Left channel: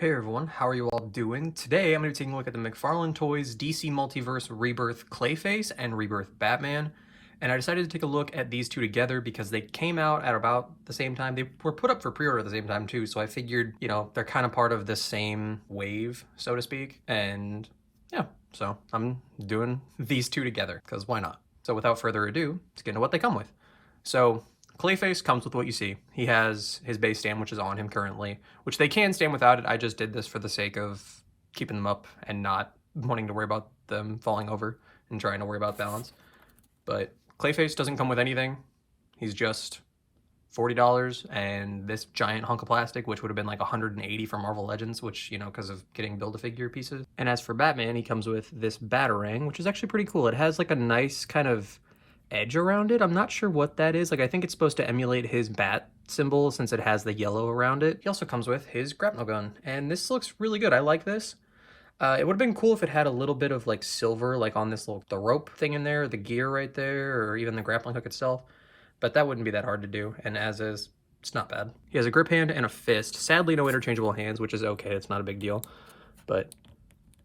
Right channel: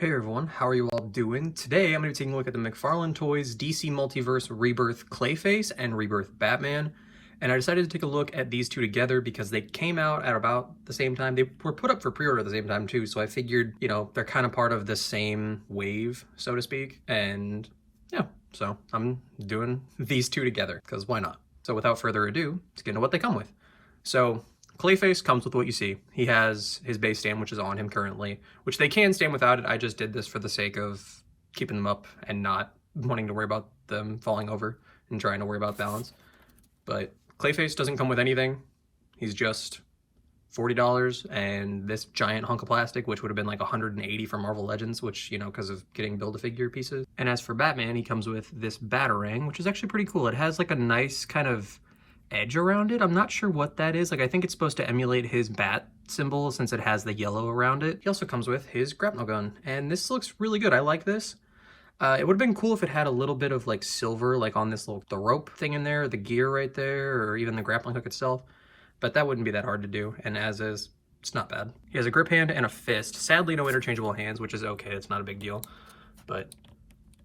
Hey everyone, how are you all doing? Today I'm going to be taking a look at the McFarlane Toys DC Multiverse Rebirth Clayface and Rebirth Batman. And I decided to take a look at these two together because they came out at about the same time. They were put up for pre-order at the same time too, so I figured, they're kind of part of the same wave, so to speak. And yeah, so I'm doing these two together because why not? So without further ado, let's get into what they come with. So Clayface comes with what you see. He has his base stand, which is on him currently, which they can stand without it. I just did this for the sake of keeping them up and not wanting to worry about them falling over and trying to worry about balance. But Clayface doesn't come with anything. He's just $40, and this giant hunk of plastic, which would have been like $180 for Marvel Legends, which, because of getting Build-A-Figure pieces. And as for Batman, he comes with this Batarang, which is actually pretty cool. It has like a nice kind of edge around it. I'm not sure what that is. Like, I think it's supposed to emulate his bat symbol since it has the yellow around it. He also comes with his grapnel gun, and this looks really good. I like this. It would have been cool if it had a little bit of like silver, like on this little, the rope thing in there, the gear right there, or even the grappling hook itself, but that wouldn't be that hard to do, and as is, it's not bad. He has a grip hand and a fist. Sadly, no interchangeable hands, which is okay. It's not a big deal, but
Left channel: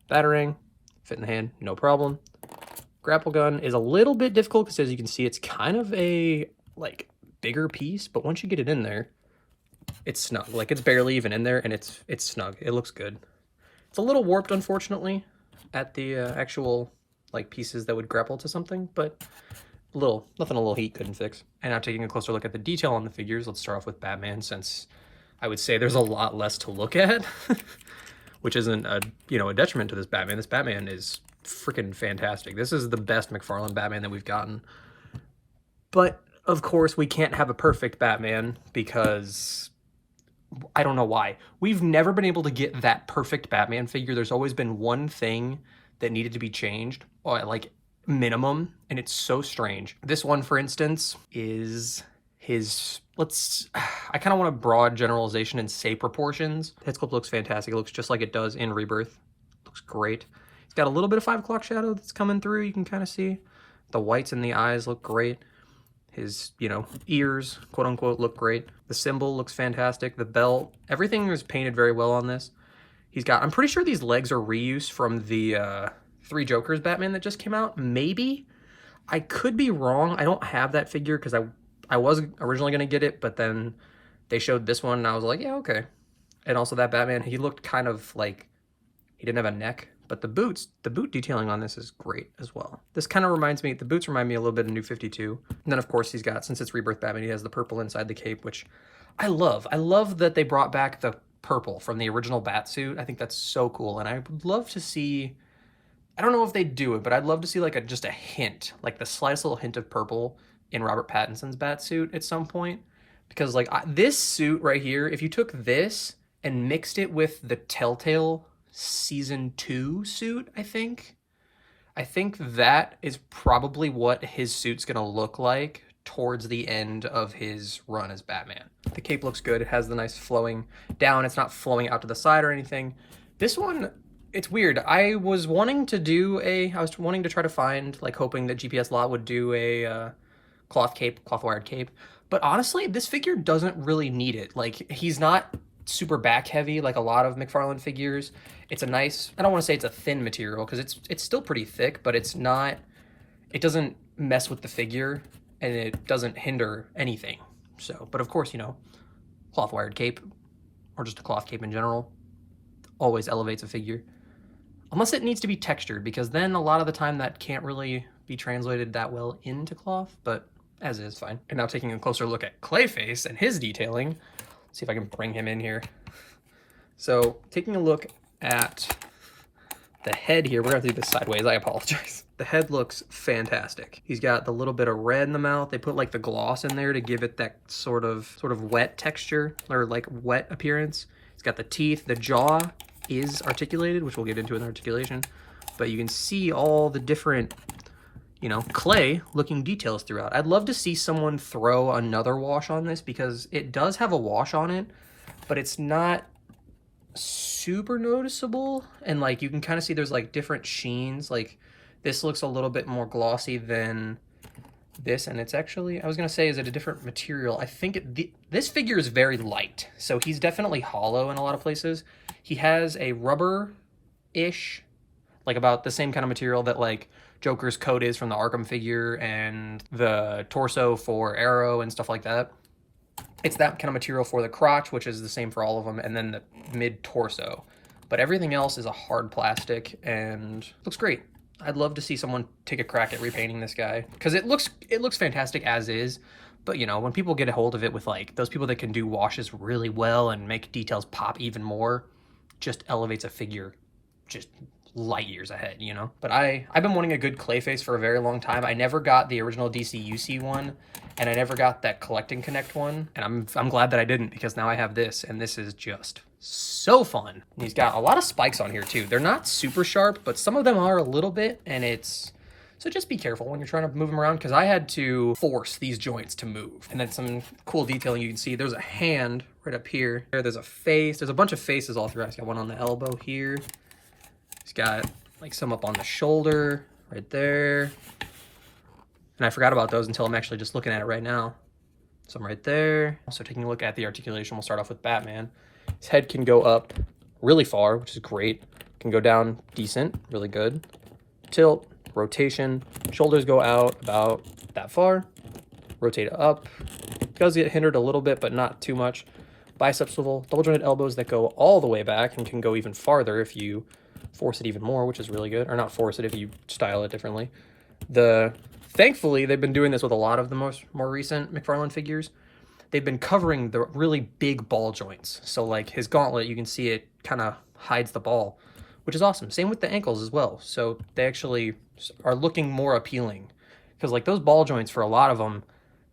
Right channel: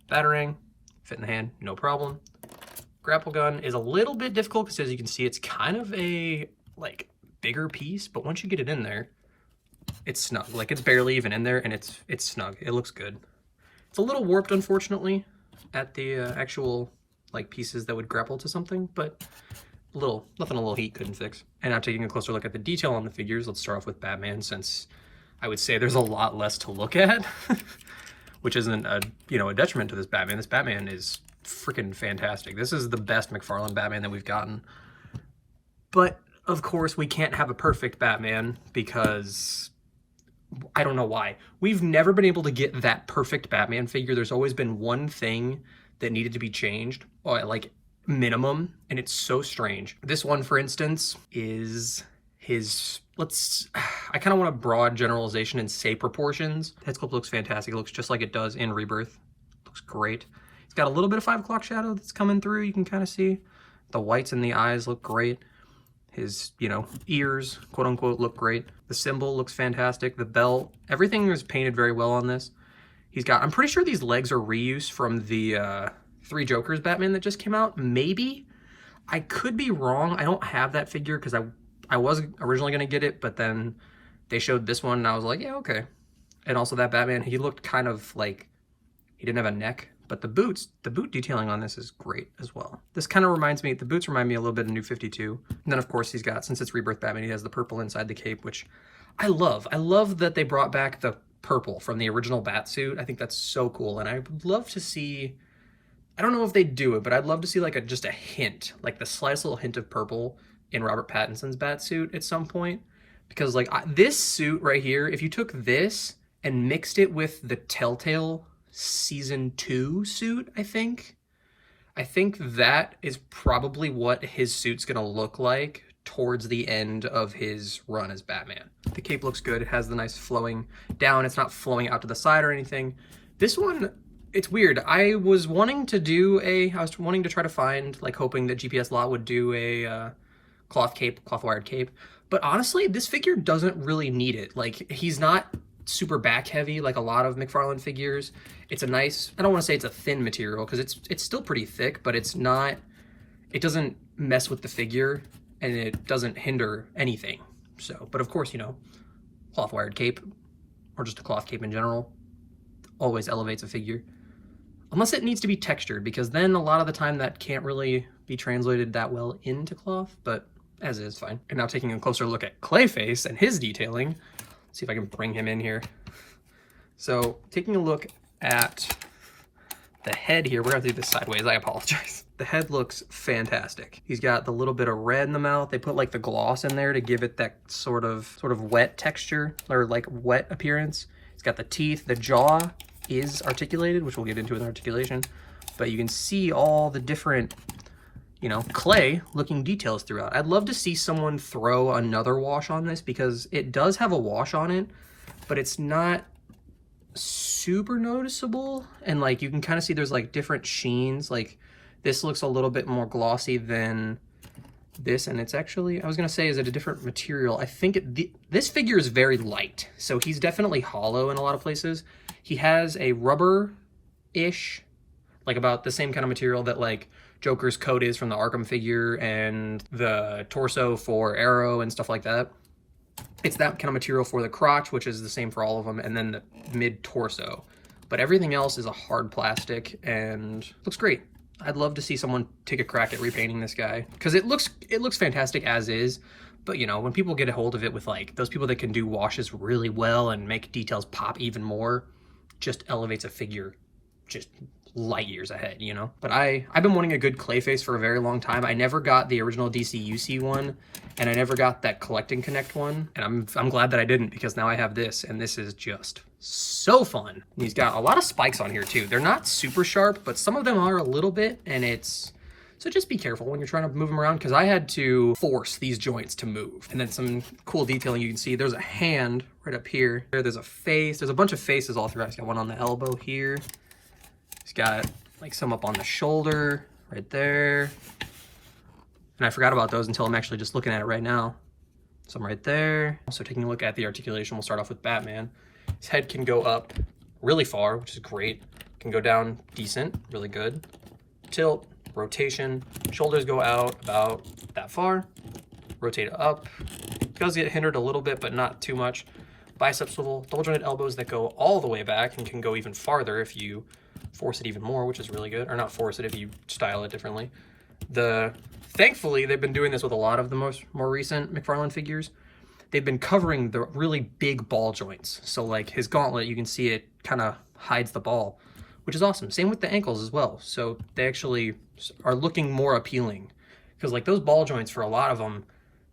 Batarang, fit in the hand, no problem. Grapple gun is a little bit difficult because, as you can see, it's kind of a like bigger piece, but once you get it in there, it's snug. Like, it's barely even in there, and it's snug. It looks good. It's a little warped, unfortunately, at the actual like pieces that would grapple to something, but nothing a little heat couldn't fix. And now taking a closer look at the detail on the figures, let's start off with Batman, since I would say there's a lot less to look at, which isn't a detriment to this Batman. This Batman is freaking fantastic. This is the best McFarlane Batman that we've gotten. But of course, we can't have a perfect Batman because I don't know why. We've never been able to get that perfect Batman figure. There's always been one thing that needed to be changed, or like minimum, and it's so strange. This one, for instance, is his, I kind of want a broad generalization and say proportions. Head sculpt looks fantastic. It looks just like it does in Rebirth. Looks great. It's got a little bit of 5 o'clock shadow that's coming through. You can kind of see the whites in the eyes look great. His, ears, quote unquote, look great. The symbol looks fantastic. The belt, everything is painted very well on this. He's got, I'm pretty sure these legs are reuse from the Three Jokers Batman that just came out. Maybe. I could be wrong. I don't have that figure because I was originally going to get it, but then they showed this one and I was like, yeah, okay. And also that Batman, he looked kind of like, he didn't have a neck. But the boot detailing on this is great as well. This kind of reminds me, the boots remind me a little bit of New 52. And then of course he's got, since it's Rebirth Batman, he has the purple inside the cape, which I love. I love that they brought back the purple from the original bat suit. I think that's so cool. And I would love to see, I don't know if they do it, but I'd love to see like just a hint, like the slightest little hint of purple in Robert Pattinson's bat suit at some point. Because like this suit right here, if you took this and mixed it with the Telltale Season 2 suit, I think that is probably what his suit's gonna look like towards the end of his run as Batman. The cape looks good. It has the nice flowing down. It's not flowing out to the side or anything. This one, it's weird. I was wanting to try to find, like, hoping that GPS Lot would do a cloth wired cape. But honestly, this figure doesn't really need it. Like, he's not super back heavy like a lot of McFarlane figures. It's a nice, I don't want to say it's a thin material because it's still pretty thick, but it's not, it doesn't mess with the figure and it doesn't hinder anything. So, but of course, cloth wired cape or just a cloth cape in general always elevates a figure. Unless it needs to be textured, because then a lot of the time that can't really be translated that well into cloth, but as is, fine. And now taking a closer look at Clayface and his detailing, let's see if I can bring him in here. So taking a look at the head here, we're gonna have to do this sideways, I apologize. The head looks fantastic. He's got the little bit of red in the mouth. They put like the gloss in there to give it that sort of wet texture, or like wet appearance. He's got the teeth, the jaw is articulated, which we'll get into in the articulation, but you can see all the different, clay looking details throughout. I'd love to see someone throw another wash on this because it does have a wash on it, but it's not super noticeable. And like, you can kind of see there's like different sheens. Like this looks a little bit more glossy than this, and it's actually, I was gonna say, is it a different material? I think this figure is very light, so he's definitely hollow in a lot of places. He has a rubber-ish, like about the same kind of material that like Joker's coat is from the Arkham figure and the torso for Arrow and stuff like that. It's that kind of material for the crotch, which is the same for all of them, and then the mid-torso. But everything else is a hard plastic and looks great. I'd love to see someone take a crack at repainting this guy, because it looks fantastic as is. But you know, when people get a hold of it with like those people that can do washes really well and make details pop even more, just elevates a figure just light years ahead, you know? But I've been wanting a good Clayface for a very long time. I never got the original DC UC one, and I never got that Collect and Connect one, and I'm glad that I didn't, because now I have this, and this is just so fun. And he's got a lot of spikes on here too. They're not super sharp, but some of them are a little bit, and so just be careful when you're trying to move them around, because I had to force these joints to move. And then some cool detailing you can see. There's a hand right up here. There's a face. There's a bunch of faces all throughout. He's got one on the elbow here. He's got like some up on the shoulder right there. And I forgot about those until I'm actually just looking at it right now. Some right there. So taking a look at the articulation, we'll start off with Batman. His head can go up really far, which is great. Can go down decent, really good. Tilt, rotation, shoulders go out about that far. Rotate up. Does get hindered a little bit, but not too much. Bicep swivel, double jointed elbows that go all the way back and can go even farther if you force it even more, which is really good. Or not force it if you style it differently. Thankfully, they've been doing this with a lot of the more recent McFarlane figures. They've been covering the really big ball joints. So like his gauntlet, you can see it kind of hides the ball, which is awesome. Same with the ankles as well. So they actually are looking more appealing, because like those ball joints for a lot of them,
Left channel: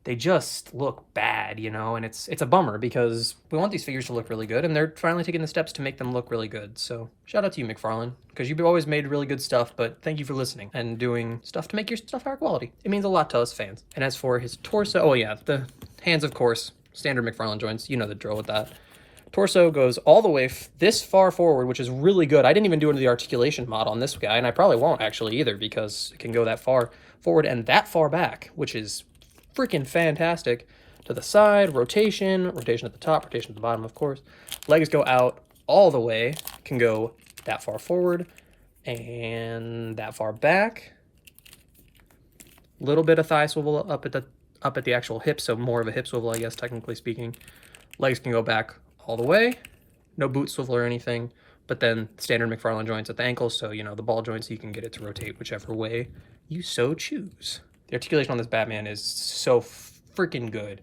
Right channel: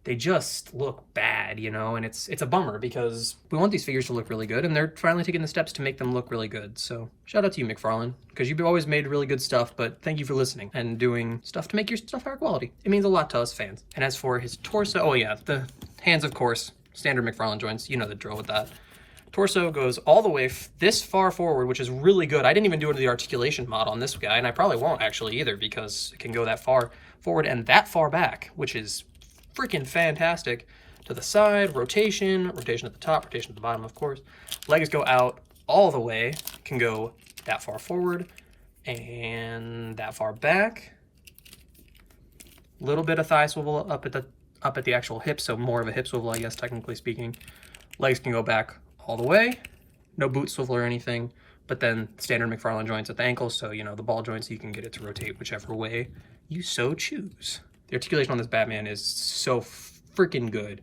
they just look bad, you know, and it's a bummer, because we want these figures to look really good, and they're finally taking the steps to make them look really good. So shout out to you, McFarlane, because you've always made really good stuff, but thank you for listening and doing stuff to make your stuff higher quality. It means a lot to us fans. And as for his torso, oh yeah, the hands, of course, standard McFarlane joints, you know the drill with that. Torso goes all the way this far forward, which is really good. I didn't even do into the articulation mod on this guy, and I probably won't actually either, because it can go that far forward and that far back, which is freaking fantastic. To the side, rotation at the top, rotation at the bottom, of course. Legs go out all the way, can go that far forward and that far back. Little bit of thigh swivel up at the actual hip, so more of a hip swivel, I guess, technically speaking. Legs can go back all the way, no boot swivel or anything, but then standard McFarlane joints at the ankles, so you know the ball joints, you can get it to rotate whichever way you so choose. The articulation on this Batman is so freaking good.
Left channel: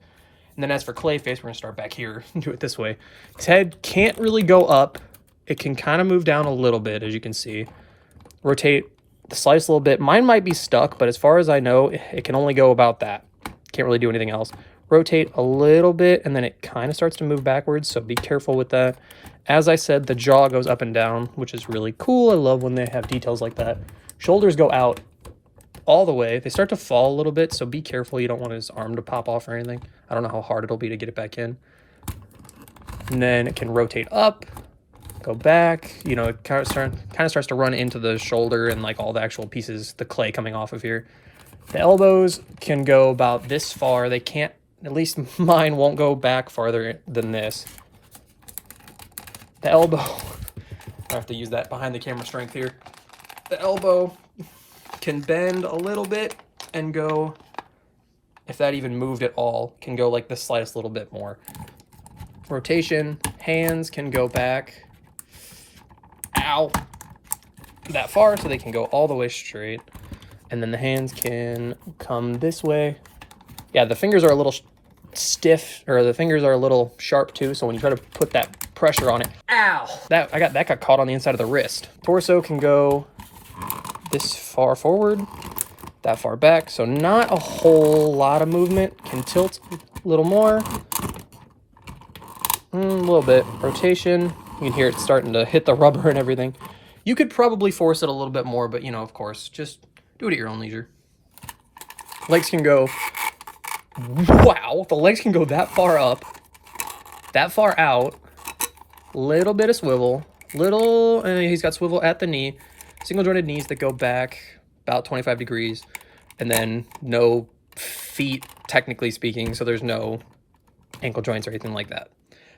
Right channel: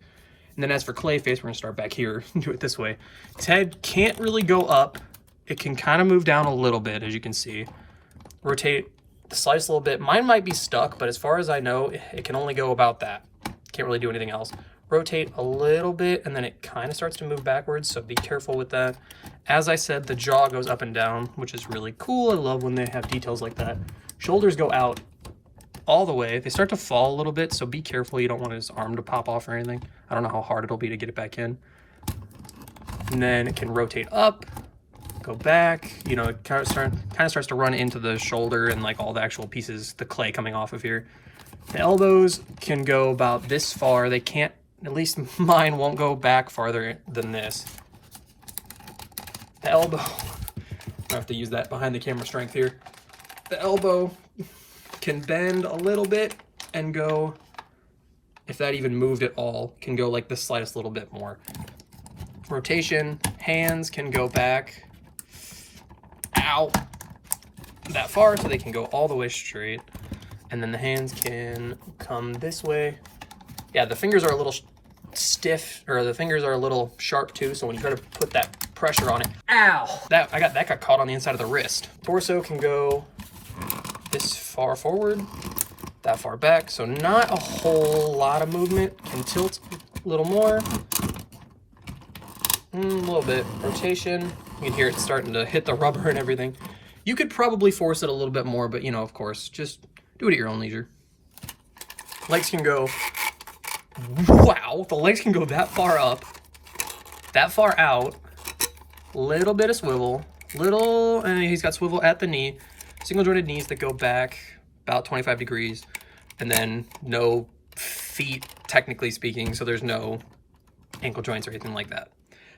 And then as for Clayface, we're gonna start back here and do it this way. His head can't really go up. It can kind of move down a little bit, as you can see. Rotate, slice a little bit. Mine might be stuck, but as far as I know, it can only go about that. Can't really do anything else. Rotate a little bit, and then it kind of starts to move backwards, so be careful with that. As I said, the jaw goes up and down, which is really cool. I love when they have details like that. Shoulders go out all the way. They start to fall a little bit, so be careful. You don't want his arm to pop off or anything. I don't know how hard it'll be to get it back in. And then it can rotate up, go back. You know, it kind of starts to run into the shoulder and like all the actual pieces, the clay coming off of here. The elbows can go about this far. They can't, at least mine won't go back farther than this. The elbow, I have to use that behind the camera strength here. The elbow can bend a little bit and go, if that even moved at all, can go like the slightest little bit more. Rotation, hands can go back, ow, that far, so they can go all the way straight. And then the hands can come this way. Yeah, the fingers are a little stiff, or the fingers are a little sharp too, so when you try to put that pressure on it, ow! That got caught on the inside of the wrist. Torso can go this far forward, that far back, so not a whole lot of movement. Can tilt a little more, a little bit. Rotation, you can hear it starting to hit the rubber and everything. You could probably force it a little bit more, but you know, of course, just do it at your own leisure. Legs can go, wow, the legs can go that far up, that far out, little bit of swivel, he's got swivel at the knee, single jointed knees that go back about 25 degrees, and then no feet, technically speaking, so there's no ankle joints or anything like that.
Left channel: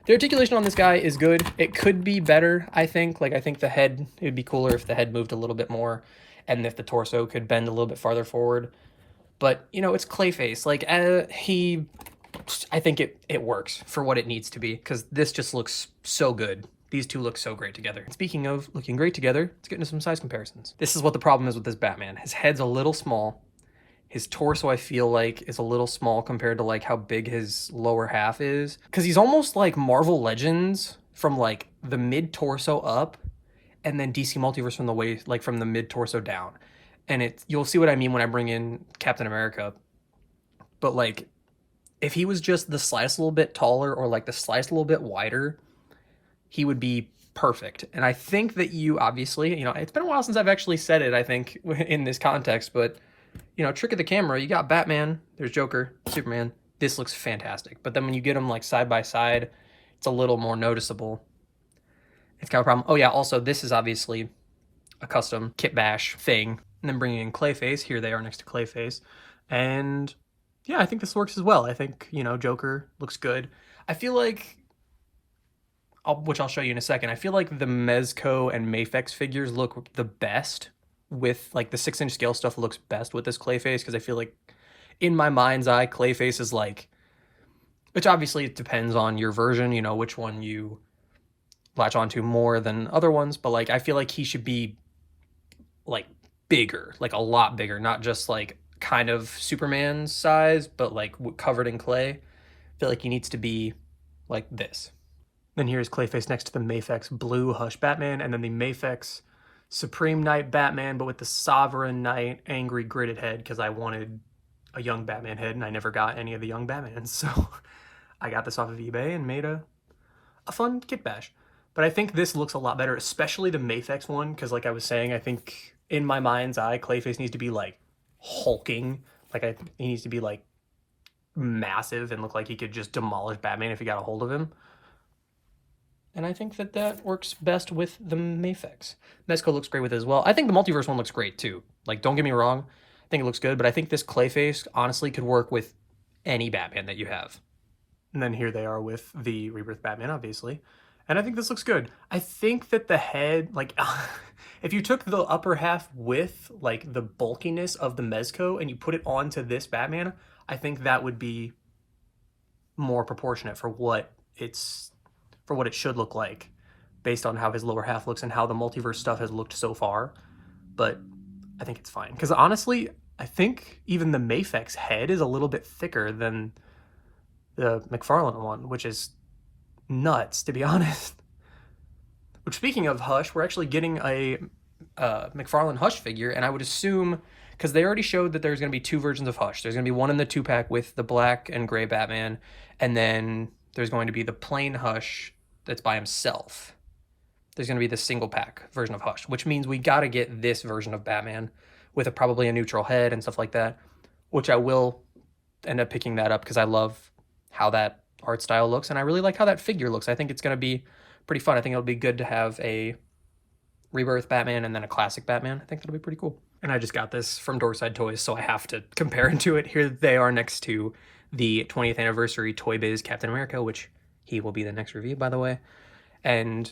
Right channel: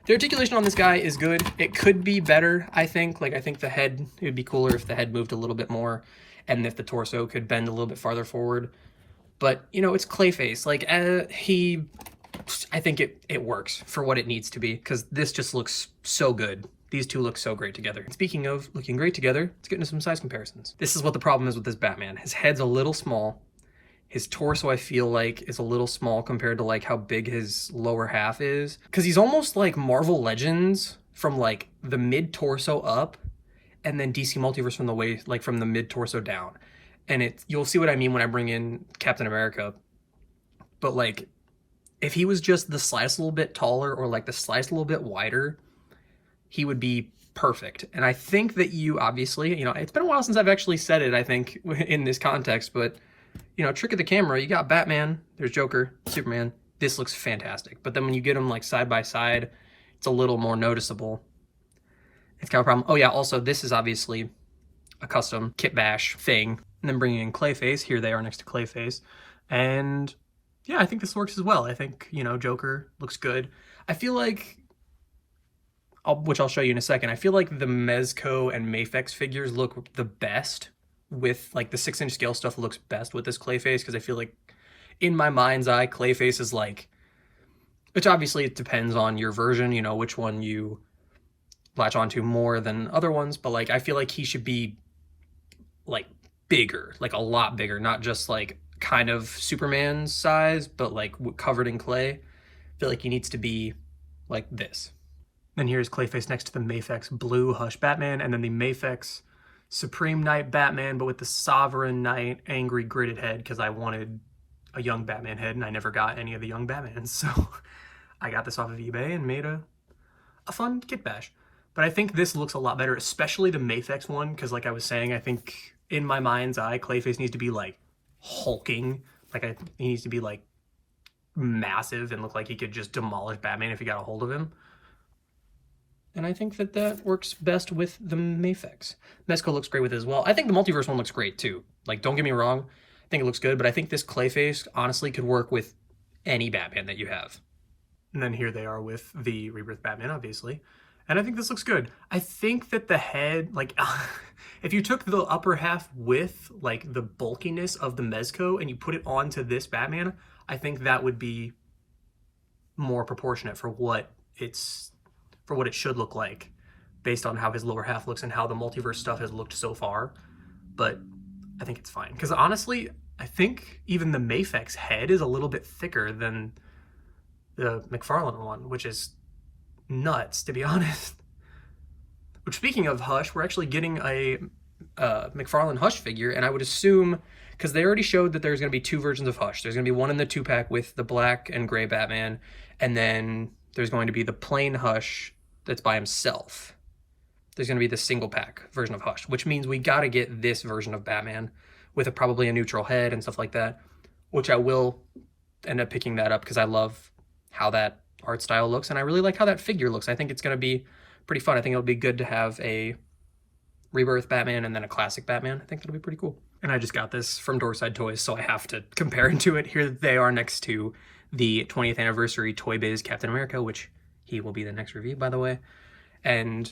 The articulation on this guy is good. It could be better, I think. Like, I think the head, it would be cooler if the head moved a little bit more and if the torso could bend a little bit farther forward. But, you know, it's Clayface. Like, I think it works for what it needs to be, because this just looks so good. These two look so great together. Speaking of looking great together, let's get into some size comparisons. This is what the problem is with this Batman. His head's a little small. His torso, I feel like, is a little small compared to like how big his lower half is. Because he's almost like Marvel Legends from like the mid-torso up, and then DC Multiverse from the way, like from the mid-torso down. And you'll see what I mean when I bring in Captain America. But like, if he was just the slightest little bit taller or like the slightest little bit wider, he would be perfect. And I think that you obviously, you know, it's been a while since I've actually said it, I think, in this context, but, you know, trick of the camera, you got Batman, there's Joker, Superman, this looks fantastic. But then when you get them like side by side, it's a little more noticeable. It's kind of a problem. Oh yeah, also this is obviously a custom kit bash thing. And then bringing in Clayface, here they are next to Clayface. And yeah, I think this works as well. I think, you know, Joker looks good. I feel like, which I'll show you in a second, I feel like the Mezco and Mafex figures look the best with, like, the 6-inch scale stuff looks best with this Clayface, because I feel like, in my mind's eye, Clayface is like, which obviously it depends on your version, you know, which one you latch onto more than other ones, but, like, I feel like he should be, like, bigger, like, a lot bigger, not just, like, kind of Superman's size, but, like, covered in clay. I feel like he needs to be like this. Then here's Clayface next to the Mafex Blue Hush Batman, and then the Mafex Supreme Knight Batman, but with the Sovereign Knight Angry Gridded head, because I wanted a young Batman head, and I never got any of the young Batmans, so I got this off of eBay and made a fun kit bash. But I think this looks a lot better, especially the Mafex one, because like I was saying, I think in my mind's eye, Clayface needs to be like hulking, like he needs to be like massive and look like he could just demolish Batman if he got a hold of him. And I think that that works best with the Mafex. Mezco looks great with it as well. I think the Multiverse one looks great too. Like, don't get me wrong, I think it looks good, but I think this Clayface honestly could work with any Batman that you have. And then here they are with the Rebirth Batman, obviously. And I think this looks good. I think that the head, like, if you took the upper half with, like, the bulkiness of the Mezco and you put it onto this Batman, I think that would be more proportionate for what it should look like based on how his lower half looks and how the Multiverse stuff has looked so far. But I think it's fine. Because honestly, I think even the Mafex head is a little bit thicker than the McFarlane one, which is nuts, to be honest. Which, speaking of Hush, we're actually getting a McFarlane Hush figure, and I would assume, because they already showed that there's going to be 2 versions of Hush. There's going to be one in the 2-pack with the black and gray Batman, and then there's going to be the plain Hush that's by himself. There's going to be the single-pack version of Hush, which means we got to get this version of Batman with probably a neutral head and stuff like that, which I will end up picking that up because I love how that art style looks, and I really like how that figure looks. I think it's going to be pretty fun. I think it'll be good to have a Rebirth Batman and then a classic Batman. I think that'll be pretty cool. And I just got this from Doorside Toys, so I have to compare it to it. Here they are next to the 20th anniversary Toy Biz Captain America, which he will be the next review, by the way. And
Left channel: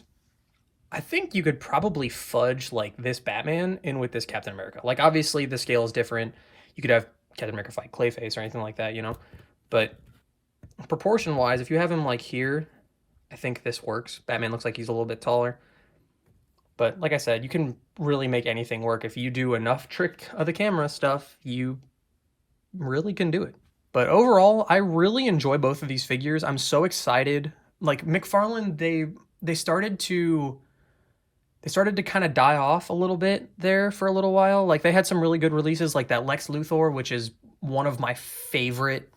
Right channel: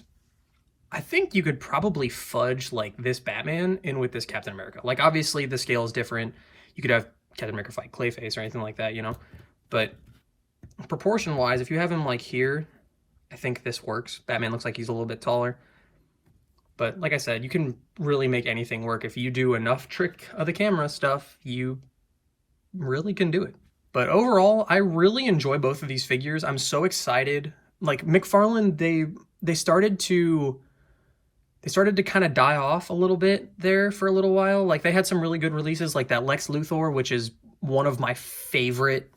I think you could probably fudge like this Batman in with this Captain America. Like, obviously the scale is different. You could have Captain America fight Clayface or anything like that, you know, but proportion wise, if you have him like here, I think this works. Batman looks like he's a little bit taller, but like I said, you can really make anything work. If you do enough trick of the camera stuff, you really can do it. But overall, I really enjoy both of these figures. I'm so excited. Like, McFarlane, they started to kind of die off a little bit there for a little while. Like, they had some really good releases, like that Lex Luthor, which is one of my favorite,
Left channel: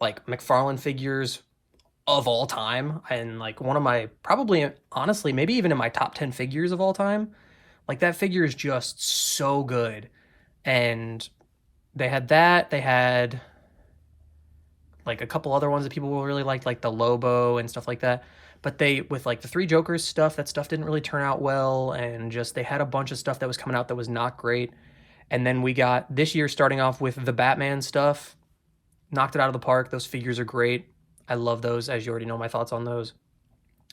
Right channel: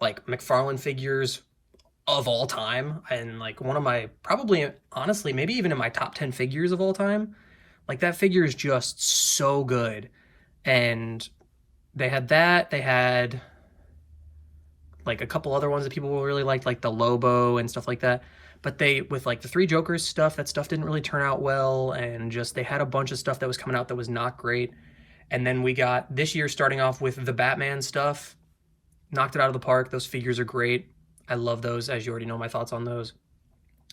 like, McFarlane figures of all time, and like one of my, probably, honestly, maybe even in my top 10 figures of all time. Like, that figure is just so good. And they had that, they had like a couple other ones that people really liked, like the Lobo and stuff like that. But they, with like the 3 Jokers stuff, that stuff didn't really turn out well, and just they had a bunch of stuff that was coming out that was not great. And then we got this year starting off with the Batman stuff, knocked it out of the park. Those figures are great. I love those, as you already know my thoughts on those.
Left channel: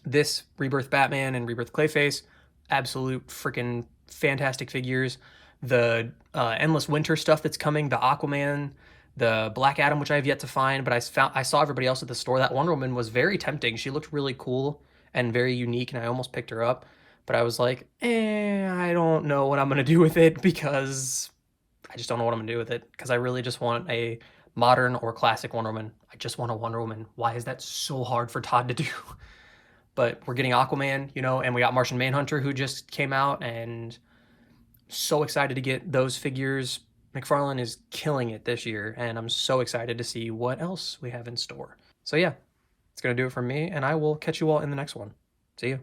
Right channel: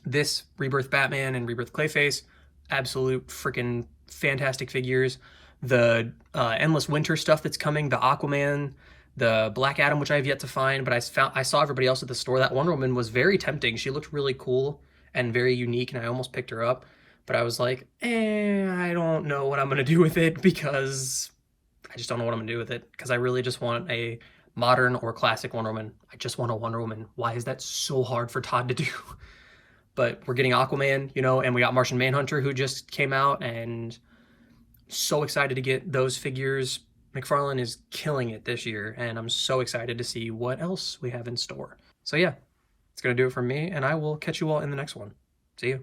This Rebirth Batman and Rebirth Clayface, absolute freaking fantastic figures. The Endless Winter stuff that's coming, the Aquaman, the Black Adam, which I have yet to find, but I saw everybody else at the store. That Wonder Woman was very tempting. She looked really cool and very unique, and I almost picked her up. But I was like, I don't know what I'm going to do with it, because I just don't know what I'm going to do with it, because I really just want a modern or classic Wonder Woman. I just want a Wonder Woman. Why is that so hard for Todd to do? But we're getting Aquaman, you know, and we got Martian Manhunter, who just came out, and so excited to get those figures. McFarlane is killing it this year, and I'm so excited to see what else we have in store. So yeah, it's going to do it for me, and I will catch you all in the next one. See you.